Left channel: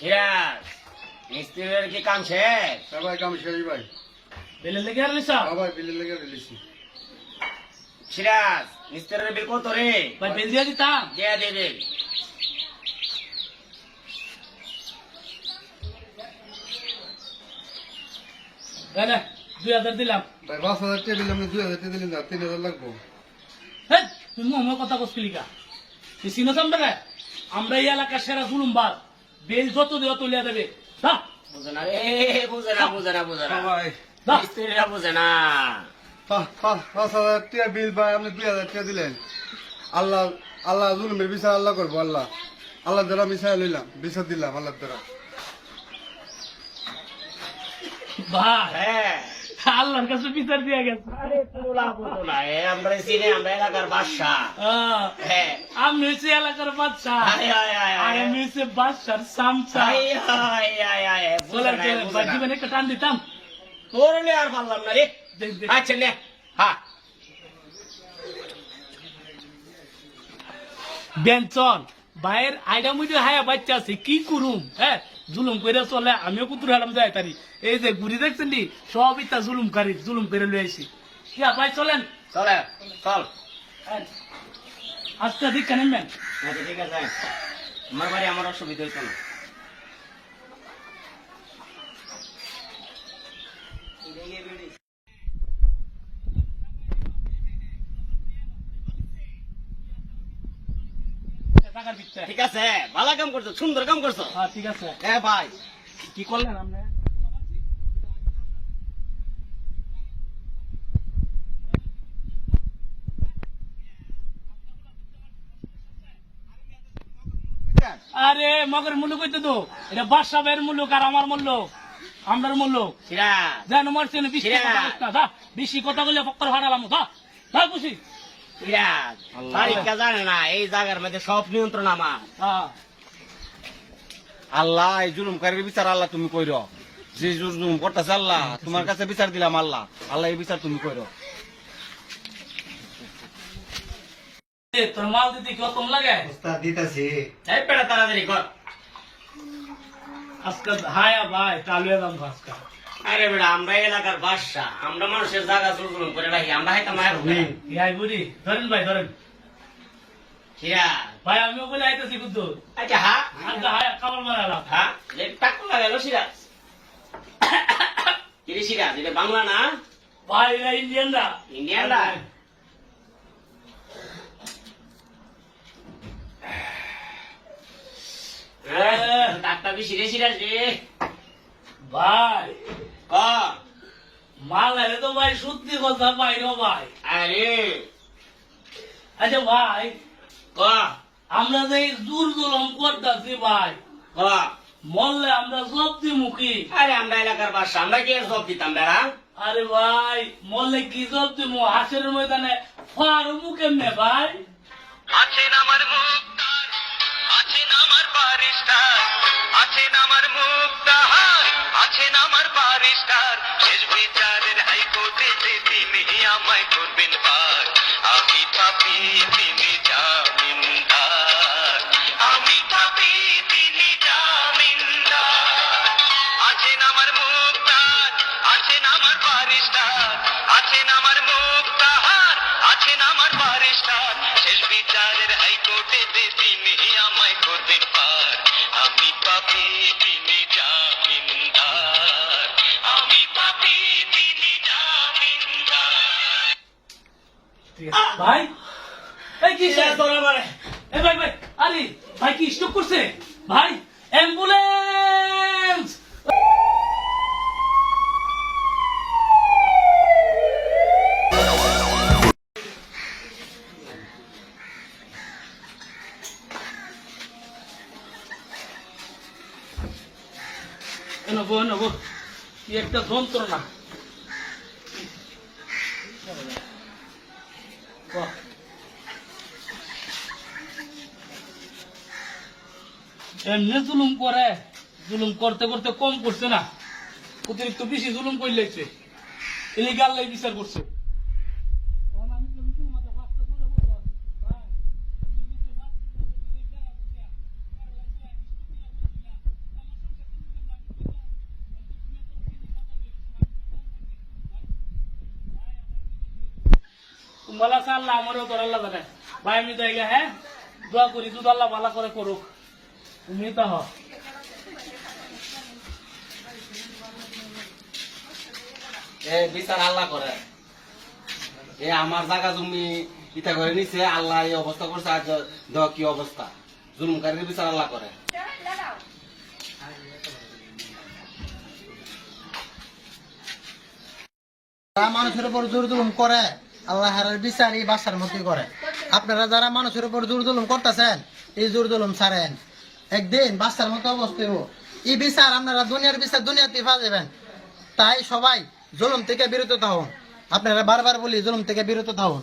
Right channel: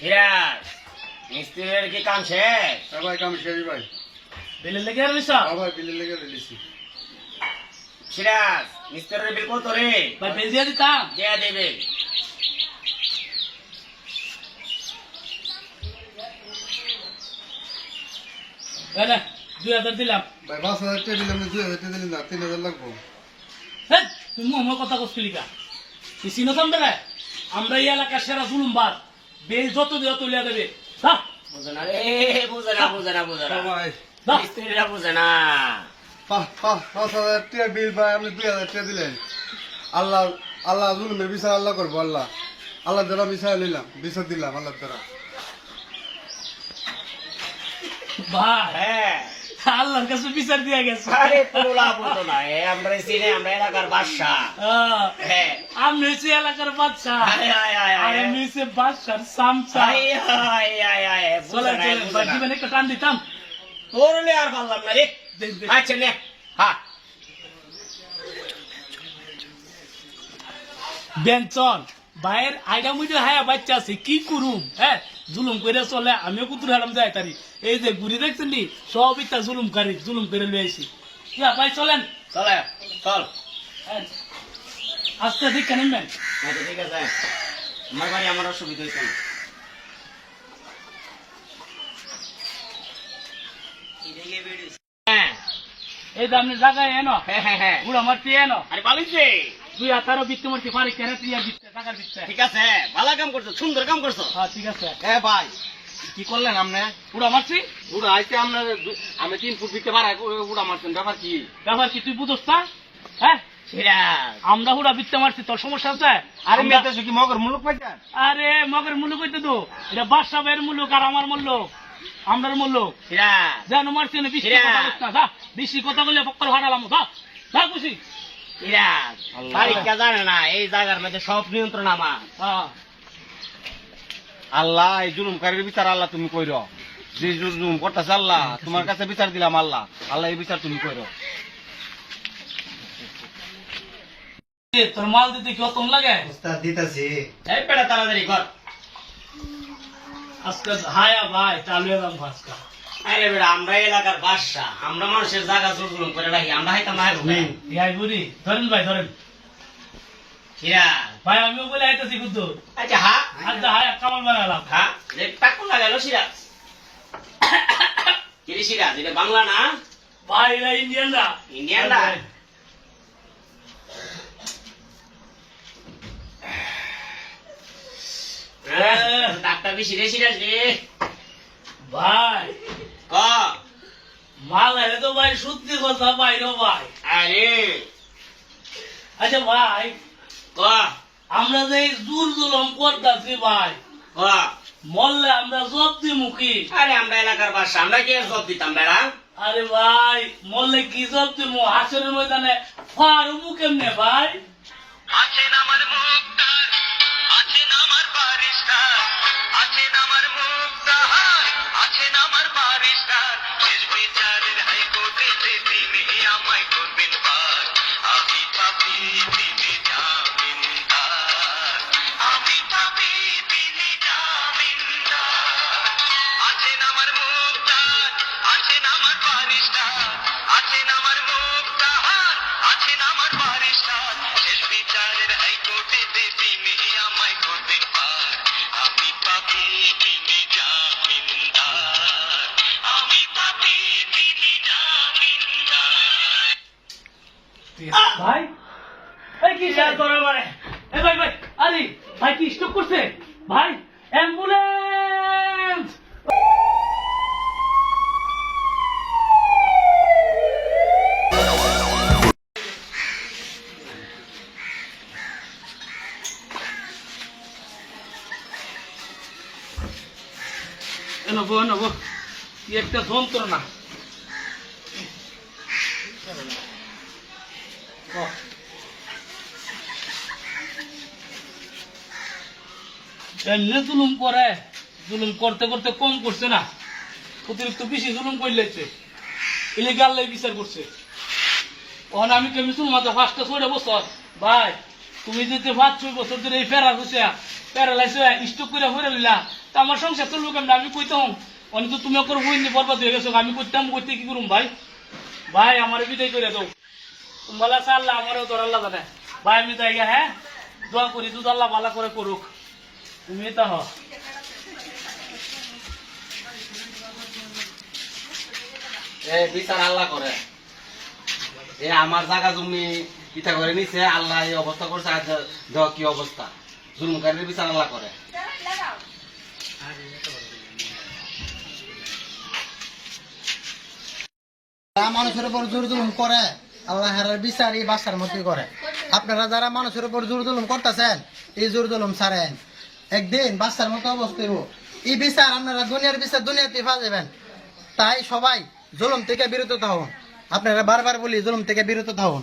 সিরাজ মিস্ত্রির কি কাম শেষ? ভাই কাম শেষ ভাই। বিলের লেগে আর লিসা ভাই বিলের লেগে রিলিছি। সিরাজ মিস্ত্রির বিল কত রে? ভাই বিল দিয়ে দিতাম। দেয়া দেবে। ভাই না 2000 দিলাম। ভাই 5000 টাকা দিলাম, 2000 টাকা দিলেন না, 3000 লাগবো। হেই তুমি মোহাম্মদ কথা কইছিলি কা? তুই চিনো তো আমরা এই এলাকার সেরা জুলুমবাজ। বিল যত দিও তুলিয়া দেবে। দাও বুঝে না রে, বুঝে না। ভাই মিস্ত্রিরা বুঝে না। 5000 টাকা বিল ভাই, আপনি 2000 টাকা দিলেন। আল্লাহ আল্লাহ জুলুমের বিচার আল্লাহ করবো। আল্লাহ আল্লাহ দ্বারা বিচার নিলাম, বিচার দিলাম আল্লাহ দ্বারা। ভাই হ্যাঁ আল্লাহর কাছে বিচার দিয়া গেছে। আরে কোনো লাভ হতো না। আমরা চিনি, আমরা এলাকার বাদশা। হ্যাঁ আমি হচ্ছে এলাকার বাচ্চা। আয়, আয়, আয়, আয়। আর আমি হচ্ছে বাচ্চার সামচা। চলেন চলেন ভাই জীবনে একটা টান দিতাম। তোরলে আর পারলাম না রে। দেখ, দেখ। আচ্ছা নে হ্যাঁ বেঞ্চন ভাইয়ের আইডা মুইডে হায়া বাচ্চা আছে কি করুম? হ্যাঁ জুলুম করে চলে, আমিও কুতুর হারাম যাই তারি। এই যে ঘুরি দেখছেন নি সব ইতা জুলুমকারী, জুলুম করে লই আইছি। ইয়া ভাই চলেন। চলে চল। হ্যাঁ, আজকে ঠিক কেনেন? আচ্ছা ঠিক আছে, আমার বাড়ি আমার অসুবিধা হইতো না। হ্যাঁ এই যে আপনি জায়গায় এনো হ্যাঁ হ্যাঁ হ্যাঁ বুড়া মারতে এনো আরে বালিছে। তুই আতারও বিত্তে মারতে পারি কেন তুই আর বিত্তে টাকার বিত্তে। ঠিক আছে, ভালো কাম করছো, সুন্দর কাম করছো। হ্যাঁ ঠিক আছে। হ্যাঁ ভাই কি করলেন আপনি? বুড়া মারছি পুরো আইতে আপনার আমি 3 ফুট দিতে পারা পুরা মারছেন, ব্যাপার কি? ব্যাপার কি তুই বুঝোস না? হ্যাঁ সিরাজ আমরা হুড়া বিত্তে মারছি, তোর সমস্যা আছে? আরে আমরা- মেতে কি মগর মুলুক পাইছেন? আরে মগের মুলুক হইতে তো এটা বাদশা ভাইয়ের মুলুক আর আমার মুলুক, আমরার মুলুক। সিরাজ যেন মারছি না বেশি সিরাজ। কথা বলিস না, যা বেশি কথা বলে পক্কর ফাটালাম। যা খুশি। সিরাজ আল্লাহ। তারিখটা জানে না, এই জায়গার মধ্যে সব নিয়ন্ত্রণ আমার। হ্যাঁ আল্লাহ এই জুলুমকারীর বিচার আল্লাহ তুমি কইরো। যে জুলুম করতেছে আল্লাহ তোমার কাছে বিচার দিলাম। আল্লাহ আল্লাহ এই বিচার তুমি কইরো। এ, তোর মাল দিতে কি অতন লাগে? উস্তাদ দিতাছি। এই পেটা তাড়াতাড়ি কর। আজকে হায়া ভাই চালুয়ে দাম আজকে। আরে বেটা আমরা এলাকার বাদশা, আমরা মানুষের জায়গা জুলুম করে রাখি, আমরা হাইতা মায়ের হুকুম। ইয়াই বুড়ি ধরেন ভাই ধরেন সিরাজ ভাই, আমিও বলে আইতেছি কিন্তু আচ্ছা হ্যাঁ আজকে হায়া কামাল বানালাম। হ্যাঁ টাকুর লাগাইলো সিরাজ। কিরে সিরাজ, এটা বাংলা না ভাই এরা ইন্ডিয়ান না। ইন্ডিয়ান না? ডাক্তার বেশি রে সিরাজ রে। ভাই ক মাল আইলে তো ভাই সত্যি কথা ভাই রে ভাই। আরে আচ্ছা ভাই ক আমরা যে জোর জুলম করতেছি ভাই, ক মরলে আমরা জব্দি মুখী। আরে আমরা এলাকার বাদশা, আমরা কি আর জব দিতাম বেড়া? আরে ভাই মরলে কি জব্দি মু হাসের ময়দানে ফারমু কেমনে ভাই? আছেন আমার মুক্তার, আছেন আমার বারিস্টার, আছেন আমার মুক্তার, আছেন আমার বারিস্টার। শেষ বিচারের হাইকোর্টে যে তিনি আমায় করবেন পার। আমি পাপি তিনি জামিনদার, আমি পাপি তিনি জামিনদার। আছেন আমার মুক্তার, আছেন আমার বারিস্টার, আছেন আমার মুক্তার, আছেন আমার বারিস্টার। শেষ বিচারের হাইকোর্টে যে তিনি আমায় করবেন পার। আমি পাপি তিনি জামিনদার, আমি পাপি তিনি জামিনদার। ভাই এই কি সিরাজ ধরো আমারে। এ ভাই ভাই আরে ভাই কি স্টক করছে ভাই? অ্যাম্বুলেন্স! নেবো নেবো কি একটা যন্ত্রণা। বাহ। এমনি জুলুম করে, জুলুম করতে করতে কম করছে না, অতিরিক্ত বেশি জুলুম করলেছে। ইলিগাল বিচার করছে। ওখানে আমি কেমিসুল মাথা 5টা 6টা বছর ভাই, তুমি যদি 5-6 বছর ধরে এই প্যারালাইসিস স্টক করে হয়ে রইলা, তা আমার সংসার চলবো কেমন আমি কইতাম অনেক তো তুমি ওর হইনি বরবাদ হয়ে গেছো আমি করতাম করতে কি করুম ভাই ভাই আমার বিদায় করে দাও তোমার আছে আল্লাহ আমারও তোর আল্লাহ জানে ভাই আমি তাই হ্যাঁ দোয়া করি দুধ আল্লাহ ভালো করে করুক তুমি তো হ এ বিচার আল্লাহ করে এ আমার জায়গা জমি ইটা করে নিছে আল্লাহ এই অবস্থা করছে আর দেখ কি অবস্থা জুলুমকারীর বিচার আল্লাহ করে মানুষের উপর জোর জুলুম করে আল্লাহর বিচার এই বাসার মধ্যে করে আপনারা যারা মানুষের উপর জোর জুলুম করতেছেন এই জোর জুলুম ছাড়েন একদিন বাসার মতো অবস্থা হইব এই বিচার আপনারা দুনিয়ার বিচার দুনিয়াতে যাবেন তাই সবাই জুলুম থেকে বিরত থাকুন আপনারা বারবার বলি জুলুম থেকে বিরত থাকুন